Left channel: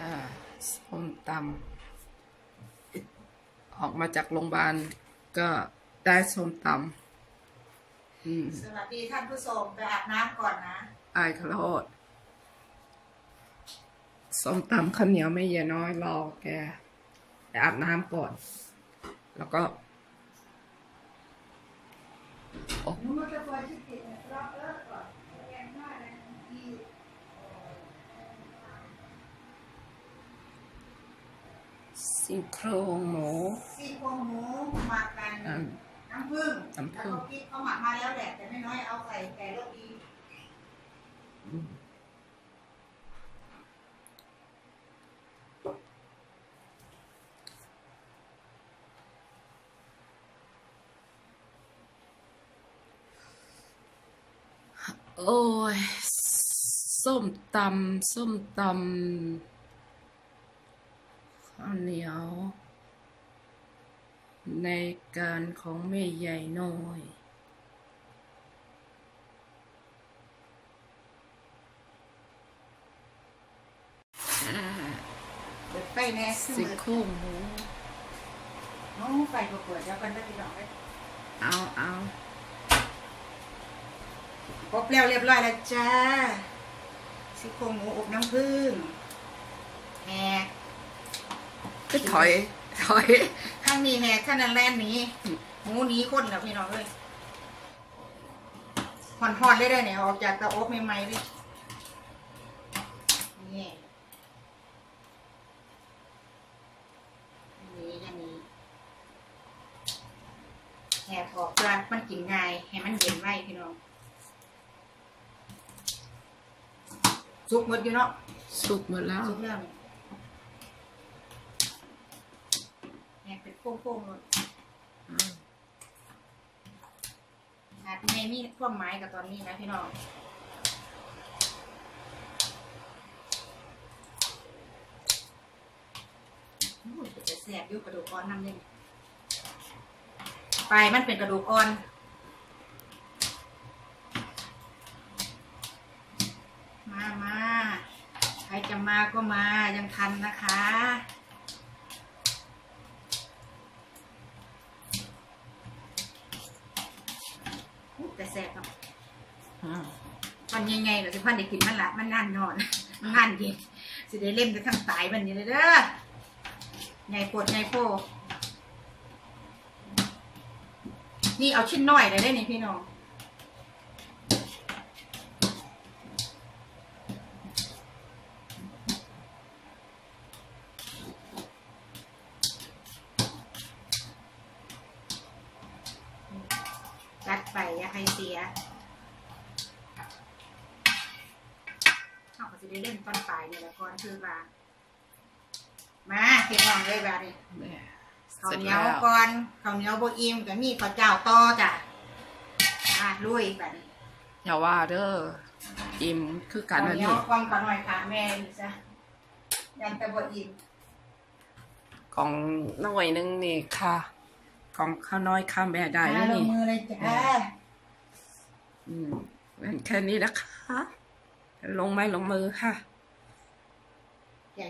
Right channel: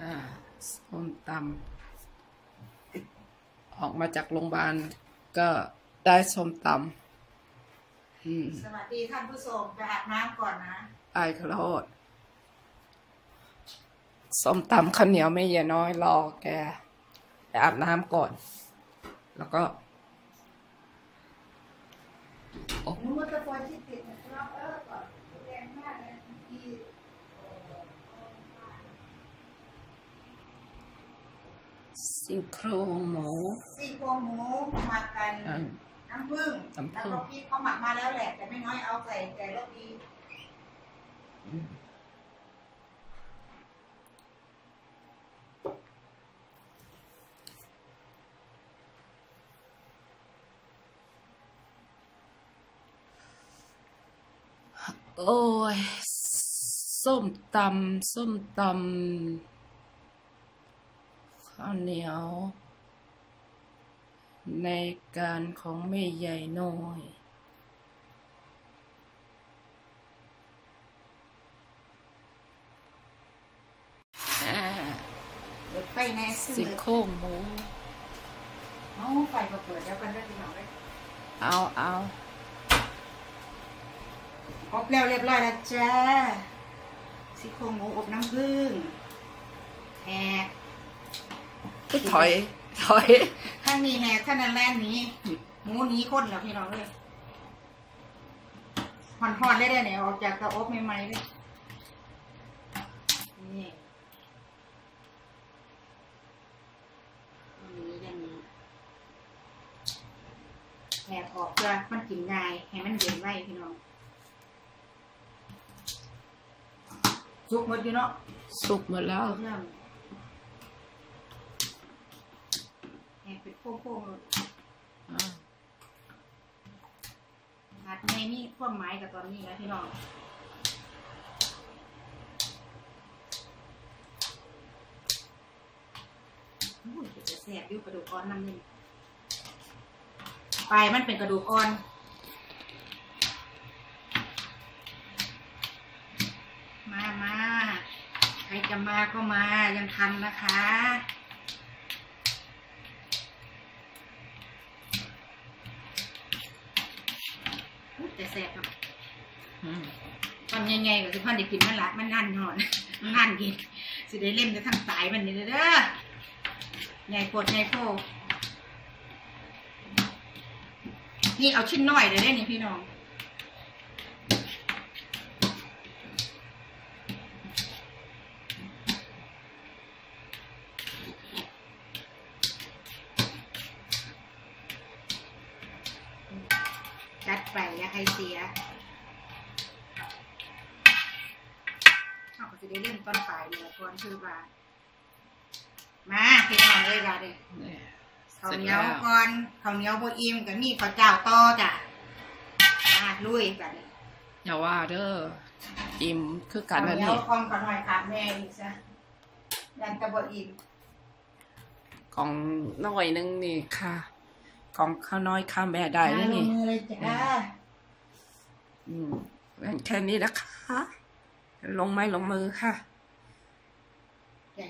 อ่าส้มตำออกมาจากโรงพยาบาลก็ได้ส้มตำอืมสวัสดีท่านผู้ชมไปอาบน้ำก่อนนะไอ้ขอโทษส้มตำข้าวเหนียวไม่เยอะน้อยรอแกไปอาบน้ำก่อน แล้วก็นู้นตะกอนที่ติดล็อกเออก่อนแรงมากเลยที่ ซี่โครงหมูซี่โครงหมูหมักกันอ่าน้ำผึ้งน้ำผึ้งแล้วก็พริกเขาหมักมาแล้วแหละแต่ไม่น้อยเอาใส่แต่รสดีอืมโอ้ย ส้มตำส้มตำ ข้าวเหนียว ในการของแม่ใหญ่น้อยอ่าเปิดไฟแน่ซึ่งซี่โครงหมูเอาไฟมาเปิดแล้วกันได้พี่น้องเลยเอาเอาอบแล้วเรียบร้อยแล้วจ้าซี่โครงหมูอบน้ำผึ้งแหก ก็ถอย ถอย ข้างนี้แหกข้างนั้นแล่นหนี้หมูหนี้คนแล้วพี่น้องเลยหอนๆเลยได้เนี่ยออกจากเตาอบใหม่ๆเลยนี่อย่างนี้อย่างนี้แหบออกเพื่อมันกินง่ายให้มันเย็นไว้พี่น้องสุกหมดอยู่เนาะสุกหมดแล้ว สุกแล้วนี่ แหบเป็นโป้งๆเลยอาจไม่มีความหมายกับตอนนี้นะพี่น้องจะแสบยู่กระดูกอ่อนน้ำนึงไปมันเป็นกระดูกอ่อนมามาใครจะมาก็มายังทันนะคะ อุ๊ยแต่แสบครับอืมวันยังไงก็สิพันได้กินมันละมันงานนอนมันงานกินสิได้เล่นจะทั้งตายวันนี้เลยเด้อใหญ่ปวดใหญ่โพนี่เอาชิ้นน้อยเลยได้นี่พี่น้องจั ดไปอย่าให้เสียเขาก็จะได้เล่นตอนปลายนี่แหละก่อนคือว่ามาพี่น้องเลยว่าดิเนี่ยข้าวเสร็จเหนียแล้ววก่อนข้าวเหนียวโบอิ่มกับมีข้าวเจ้าต่อจ้ะอ่าลุยแบบนี้อย่าว่าเด้ออิ่มคือกันนั่นข้าวเหนียนี่วความขาวหน่อยค่ะแม่ดิจ้ะยันแตะโบอิ่มของน้อยนึงนี่ค่ะ ของข้าวน้อยข้ามแม่ได้แล้วมาลนี่งมือเลยจ้ะ อืมงั้นแค่นี้นะคะ ลงไม้ลงมือค่ะอย่า